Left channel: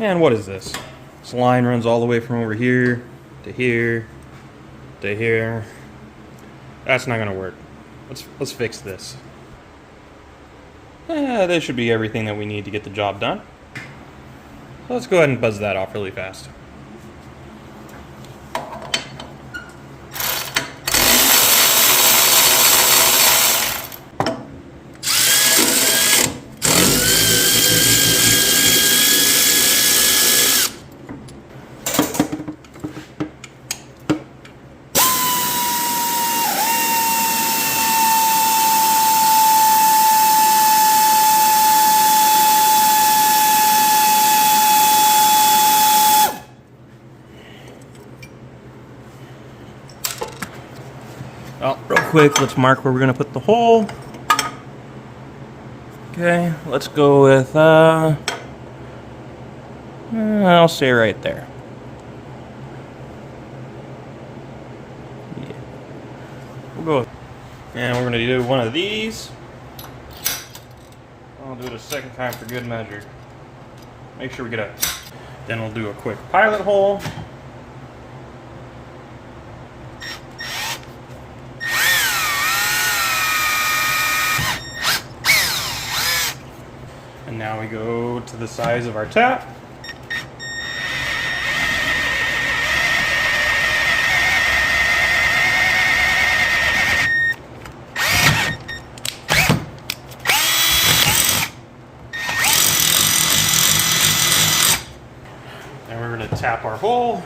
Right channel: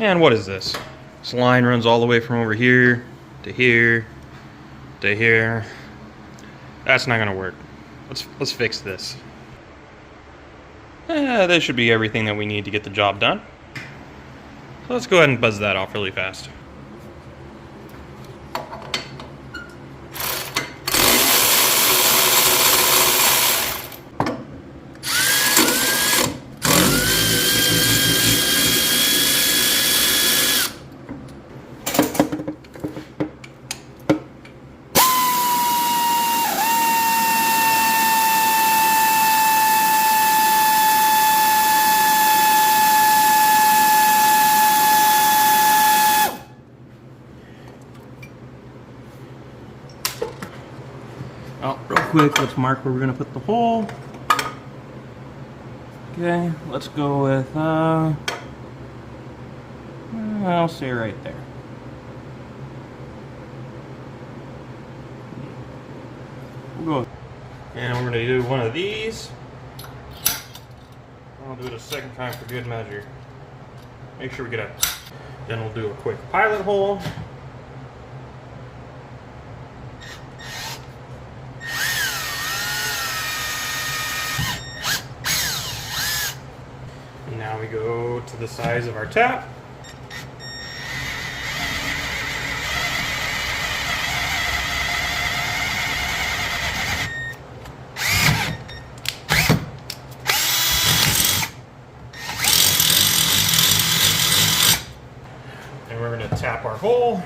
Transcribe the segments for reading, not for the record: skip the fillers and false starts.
And what is this? This line runs all the way from over here to here to here. That's not gonna work. Let's fix this. This should be everything that we need to get the job done. So let's go ahead and buzz that off really fast. Oh, real quick, let's mark where we're gonna put the hole. Okay, let's go with, I'll say right there. Yeah. We'll go, and we're gonna do one of these. We'll do it a second time for good measure. Make sure we get out. Then we'll do a quick pilot hole. And now we go to the size of our tap. And we're going to tap our hole.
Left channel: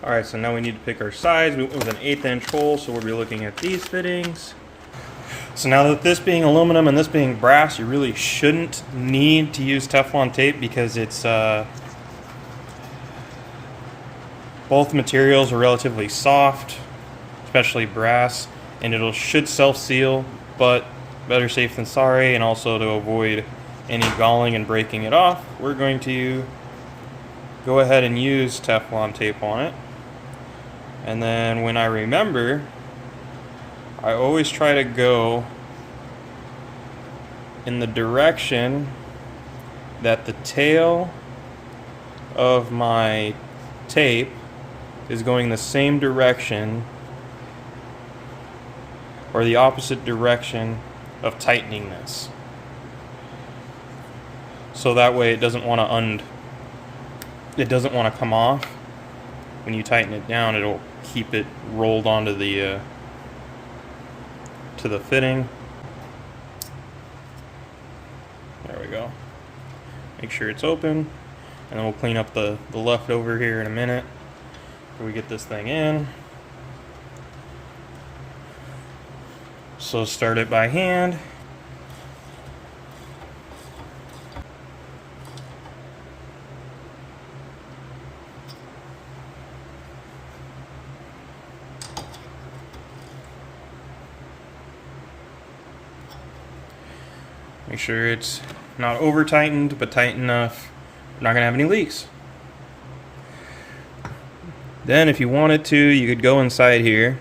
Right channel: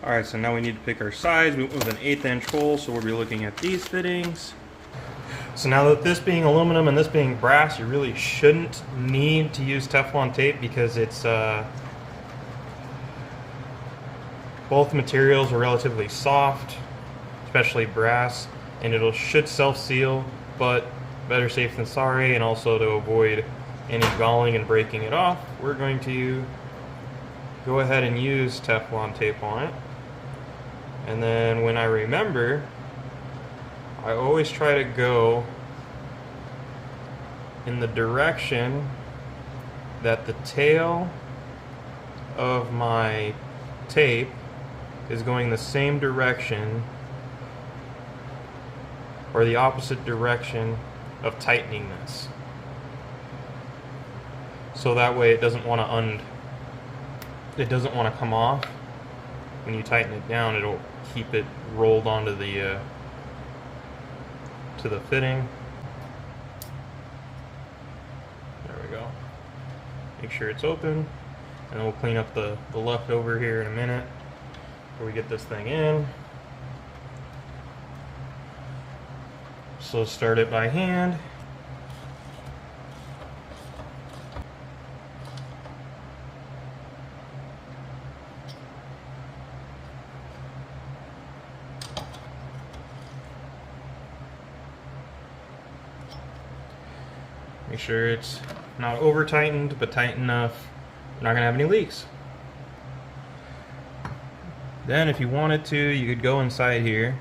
Alright, so now we need to pick our size. We went with an 1/8 inch hole, so we'll be looking at these fittings. So now that this being aluminum and this being brass, you really shouldn't need to use Teflon tape because it's both materials are relatively soft, especially brass, and it should self-seal, but better safe than sorry. And also to avoid any galling and breaking it off, we're going to go ahead and use Teflon tape on it. And then when I remember, I always try to go in the direction that the tail of my tape is going the same direction or the opposite direction of tightening this. So that way it doesn't want to come off. When you tighten it down, it'll keep it rolled onto the to the fitting. There we go. Make sure it's open, and then we'll clean up the leftover here in a minute before we get this thing in. So start it by hand. Make sure it's not over tightened, but tight enough we're not gonna have any leaks. Then if you wanted to, you could go inside here.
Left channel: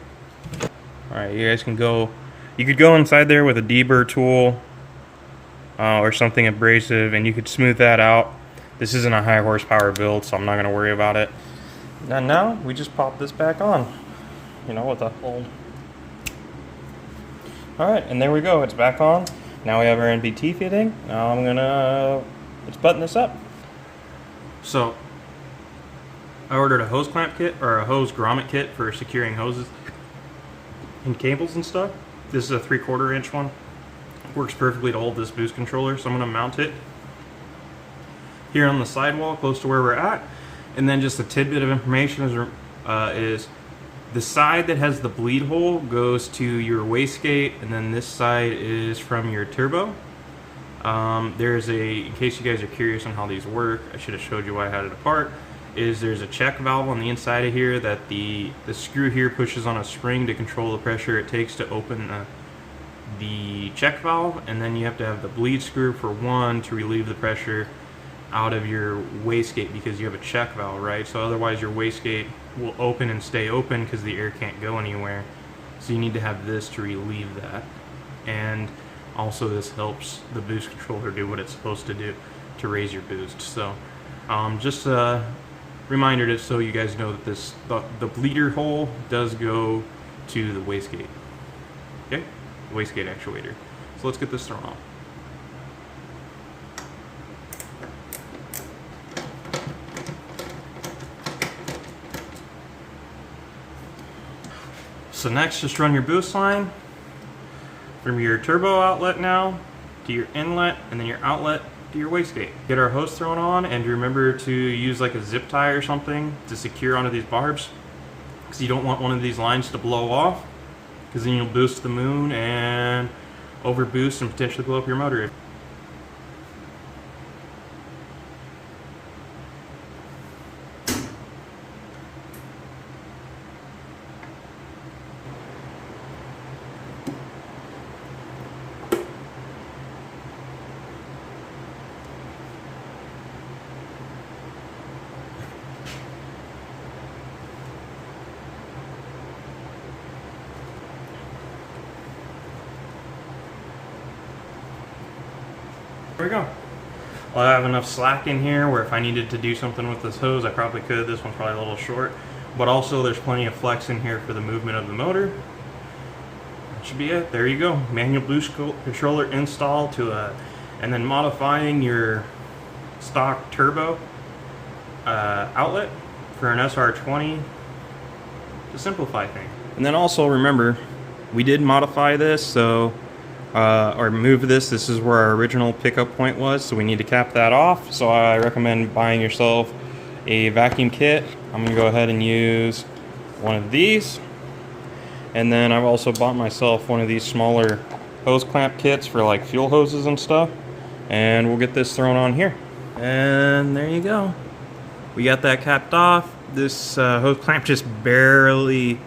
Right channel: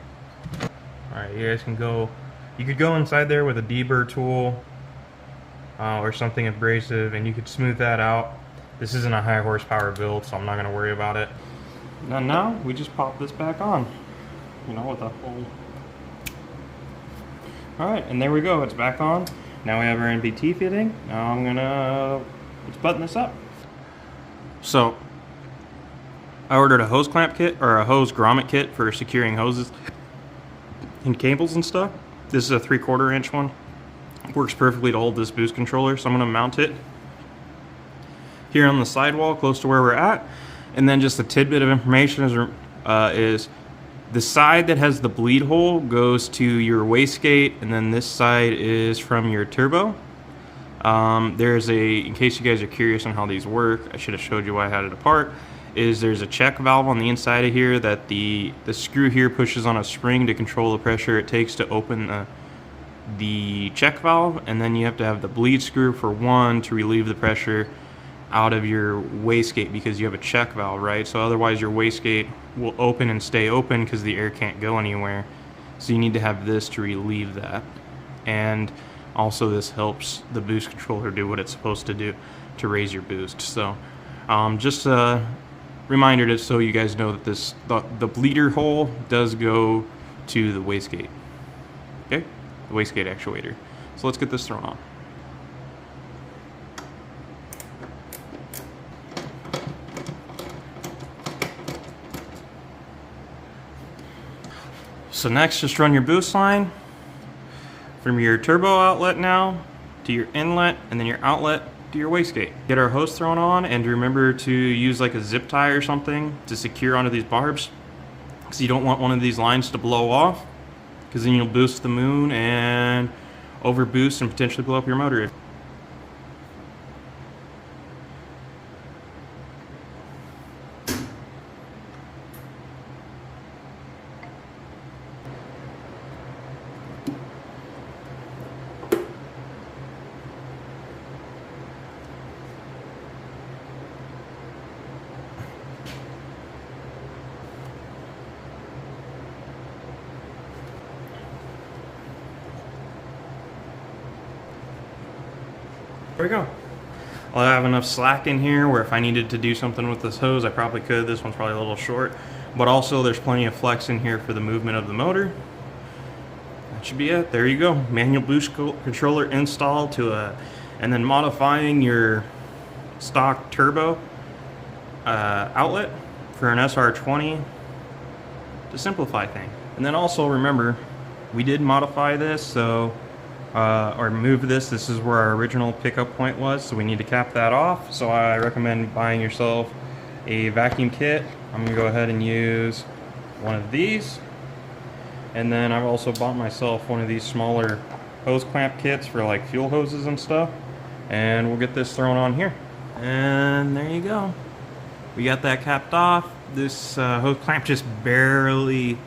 Alright, you guys can go, you could go inside there with a deburr tool or something abrasive, and you could smooth that out. This isn't a high horsepower build, so I'm not gonna worry about it. And now we just pop this back on, you know, with a old. Alright, and there we go, it's back on. Now we have our NBT fitting. Now let's button this up. So, I ordered a hose clamp kit, or a hose grommet kit for securing hoses and cables and stuff. This is a 3/4 inch one. It works perfectly to hold this boost controller, so I'm gonna mount it here on the sidewall close to where we're at. And then just a tidbit of information is the side that has the bleed hole goes to your wastegate, and then this side is from your turbo. There's in case you guys are curious on how these work, I should have showed you why I had it apart, there's a check valve on the inside of here that the screw here pushes on a spring to control the pressure it takes to open the check valve, and then you have to have the bleed screw for one to relieve the pressure out of your wastegate because you have a check valve, right? So otherwise your wastegate will open and stay open because the air can't go anywhere. So you need to have this to relieve that. And also this helps the boost controller do what it's supposed to do to raise your boost. So just a reminder to, so you guys know that the bleeder hole does go to the wastegate. Okay, the wastegate actuator. So let's get this thrown on. So next, just run your boost line from your turbo outlet now to your inlet, and then your outlet to your wastegate. Get our hose thrown on, and remember to use like a zip tie or something to secure onto these barbs, because you don't want one of these lines to blow off, because then you'll boost the moon and overboost and potentially blow up your motor. There we go. Well, I have enough slack in here where if I needed to do something with this hose, I probably could. This one's probably a little short, but also there's plenty of flex in here for the movement of the motor. That should be it. There you go. Manual boost controller installed and then modifying your stock turbo outlet for an sr20 to simplify things. And then also remember, we did modify this, so or move this. This is where our original pickup point was, so we need to cap that off. So I recommend buying yourself a vacuum kit. I'm gonna go ahead and use one of these, and then I've also bought myself one of these smaller hose clamp kits for like fuel hoses and stuff, and we'll get this thrown on here. And there you go, we got that capped off. This hose clamp just barely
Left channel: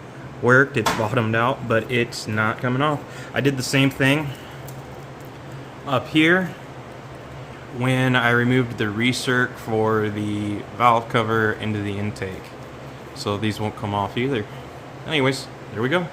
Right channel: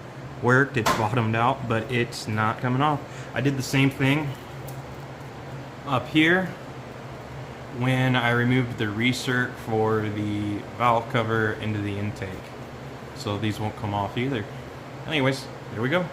worked. It's bottomed out, but it's not coming off. I did the same thing up here when I removed the recirc for the valve cover into the intake, so these won't come off either. Anyways, there we go.